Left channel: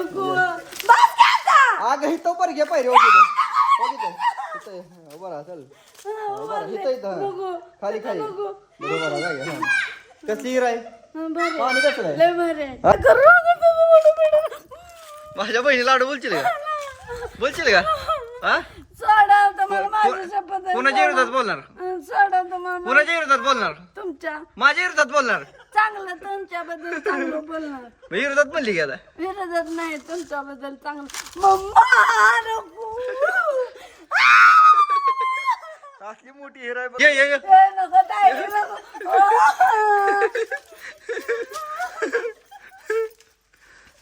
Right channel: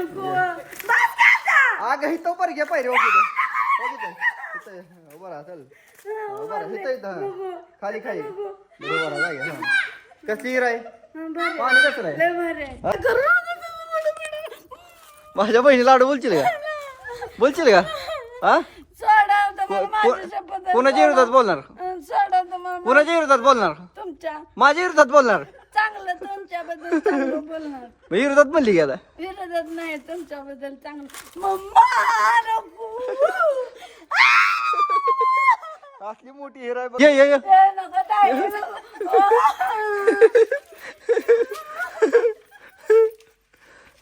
नको. बस का आता? अगं पर घे पाहिजे ओके इथं चल. इथं इथं. हा. खाली खाली. बरोबर आहे जागे. कसली हिर आहे? हा, बरं. पाणी कसलं आहे? लय भारी आहे. करू नका तुम्ही मोठं पिढं. माझ्या बहिणीला लाडू बोलशील का? बोलशील का? हा? को- माझ्या शपथ आहे. कोणाच्या विरोधात बोलणार हं, सोडा तुम्हाला कोणाच्या विरोधात बोलणार तुमच्या माझ्या विरोधात बोलणार चांगलं तुमच्याबद्दल चांगलं बोलणार मग विरोधात म्हणली आता? विरोधात नाही तुमच्याबद्दल चांगलं मम्मा असली मोठी हिर आहे बघ. ये ये ये. ए, नको ताई, नको.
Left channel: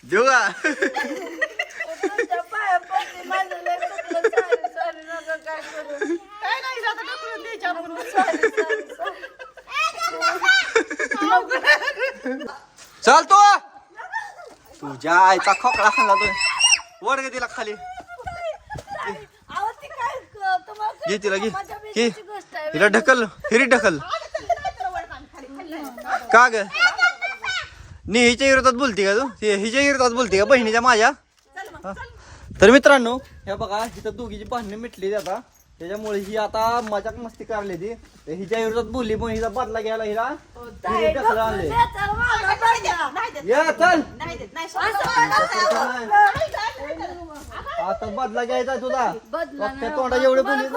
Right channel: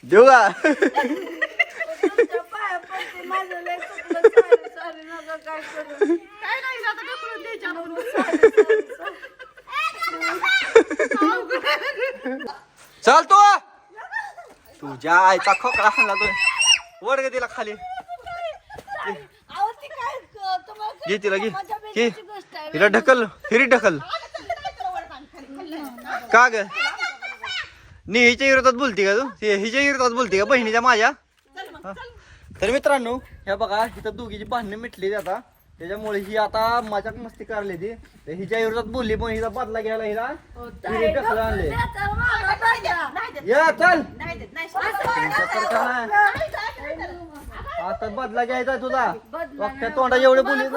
देऊ का तुमच्या पाया पडते, माझं लय चुकलं. Sorry, sorry, नका काय करू. चालतो. तुझ्या आईचा खोकला खाल्ला तू. वर गे तिला खाली घे तिला घे. घे. तिला ढकल हिरी ढकल. का ग? नी हिच्या विरोधात बोलती का तू? ती हिच्या विरोधात बोलती का बहिणीच्या माझ्या? हा. तर मित्रांनो ह्या बघा इथं दोघीची भांडणे मिटली आता. त्याच्यामुळे ही आता मजाक मस्ती करली ती तर हिच्या विरोधात बोलली पण हिचा बदला घ्यायला हिला हो, ढकलून आणले. या चल आता बदला घ्यायचा तुझा फक्त तोंडा एवढं बोलली न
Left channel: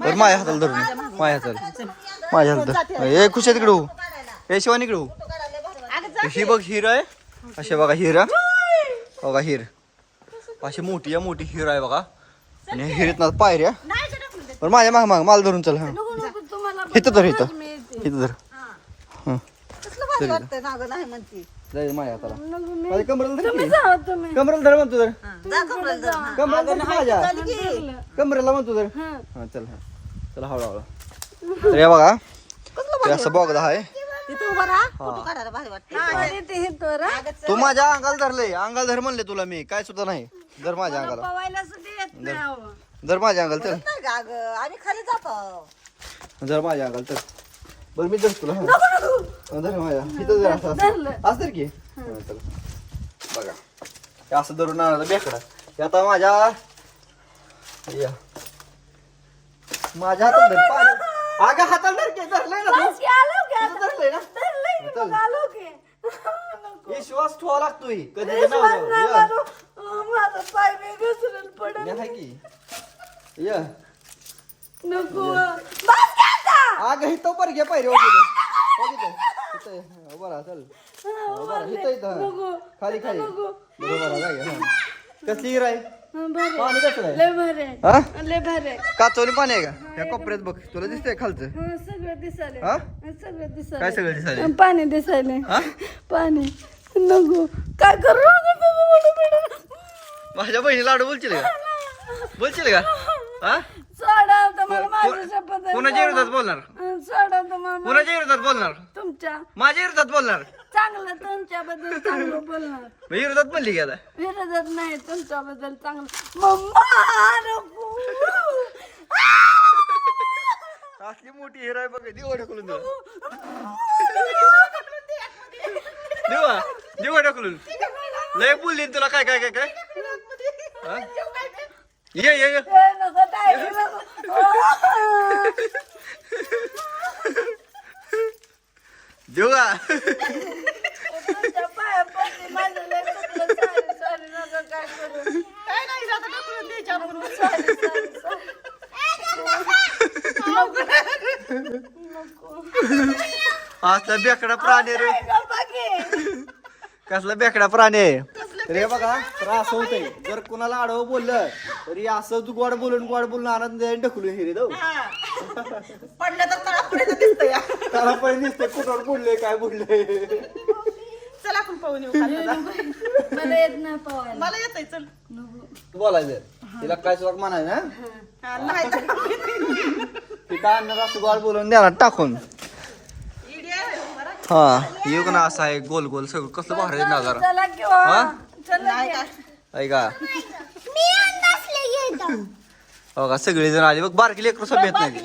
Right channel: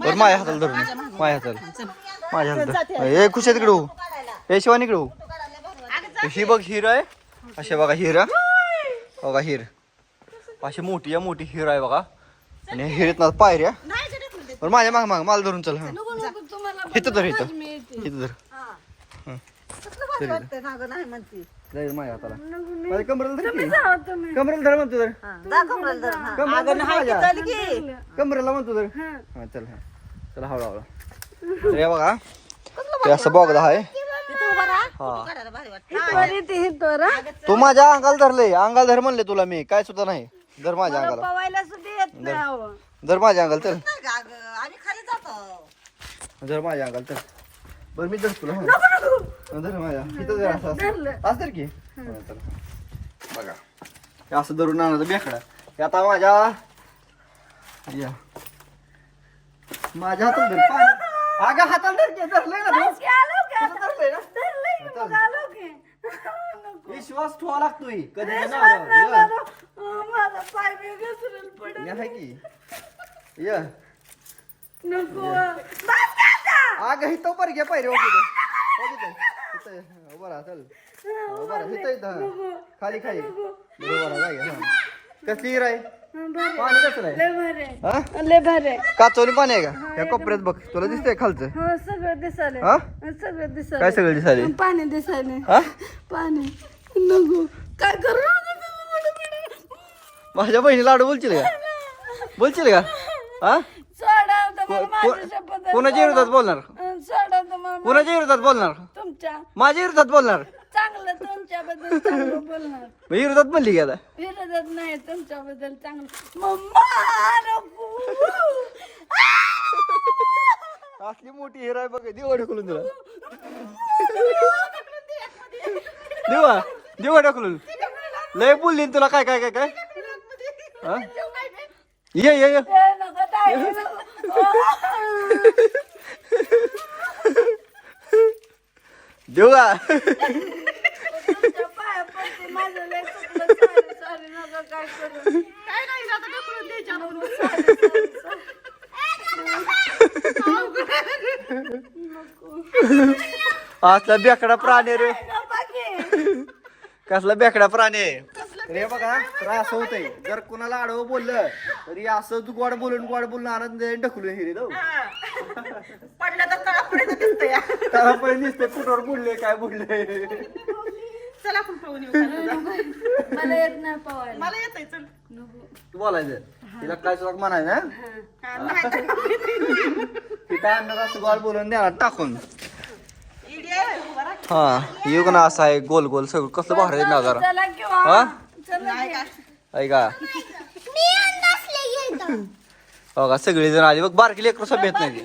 बरं माझ्या हाताला धरून माझ्या हाताला माझ्या हाताला ए खुश तिकडे हो ए शिवानी इकडे हो ही बघ हिर आहे असे बघा हिर बघा हिर अशी मोठी आहे मोठी हिर आहे बघा. आणि हिरीत ना पायऱ्या. बरं माझ्या माग माग मला धरून चल हा. इथं धर इथं. येते. इथं. धर. जाईल माझ्या हाताला. माझ्या कमरेला धर की. कमरेला धर म्हणतो धर कमरेला धर की माझ्या. कमरेला म्हणतो धर हा. चल हा. चला हळू हळू. तर हे बघा ते असं बघदा आहे. हा. तू माझ्या अंगाला धरले अंगाला धर म्हणले तुला मी. काय सुद्धा नाही. धर माझ्या अंगाला. पवायला सुद्धा येत नाही अहो. धर माझ्या अंगाला चल आम्ही खाली जातो. धर माझ्या अंगाला चल बरं मी धर तुला हा. धर माझ्या. इथं असं असं. असं धर की. हा, चल. बघा. हे असं धरून आणायचं बेकडा. हे आता माझ्या या माझ्या हातात धर. पाणी अगं हाताला धर की. धरलंय ना तू. बस की, आलो की आता. धरलंय ना. धरलंय की, चल. मग आलो की. नको. विश्वास ठेवा लागतोय. कधी विश्वास नाही. पाय घसरून पडेल. की या नको. बस आता? अगं इथं पर घे पाहिजे ओके इथं हा, बरं चल हा, बरं इथं इथं नको. हा. खाली खाली नको. बरोबर आहे जागे हा कसली हिर आहे हं, बरं. पाणी कसलं आहे लय भारी आहे. हा लय भारी आहे. काचवणी पाणी आहे का या कोपऱ्यात बघ तुला दिसतंय खालचं हं, सगळं दिसायलंय. हा हं, सगळं दिसायलंय. काय सगळं दिसायले पाणी हा पाणी नको काय करू नका. माझ्या बहिणी लाडू बोलशील का? बोलशील का? हा? सोडा आता मला को- माझ्या शपथ आहे. कोणाच्या विरोधात बोलणार? सोडा आता मला कोणाच्या विरोधात बोलणार? तुमच्या माझ्या विरोधात बोलणार? चांगलं तुमच्याबद्दल चांगलं बोलणार. मग विरोधात म्हणली की आता. विरोधात नाही तुमच्याबद्दल चांगलं मम्मा असली मोठी हिर आहे बघ दिवाळी खुलून तुला देवा देवा ढकलून. लय बोलली ना तुला काय काय काय काय? ये ये ये ए, नको ताई, नको. देऊ का तुमच्या पाया पडते, माझं लय चुकलं. Sorry, sorry, नका काय करू. असला बेकडा प्राणी आहे रे गप्पा घे. कसला बेकडा प्राणी आहे तर हे बघा तर असं होतंय. जर कुणाला आडवं बोललं तरी असं तू गोड बोलून गोड बोलून आनंद ढकलू हे रे जाऊ. पडलं तर तळापर्यंत दिसतंय. त्याला पण कुठवर बोलले काय बोलले? चल आपण पाहून येऊ. खाली. मला येत नाही पवायला मला येतंय चल. तू बोलायचं. तिला काय सुद्धा म्हणायचं ना हा, नाही तर ती काय आणणार असं गोड बोलून द्या ना टाकून. इडी आहे, बरं. हा येऊ ना असं आहे गोल गोल सगळं. कसलं भारी आहे नजारा चला किंवा हा? ऐका. हो का? सगळे जण आले. बघ बारकी लेकर सभ्यत नाही.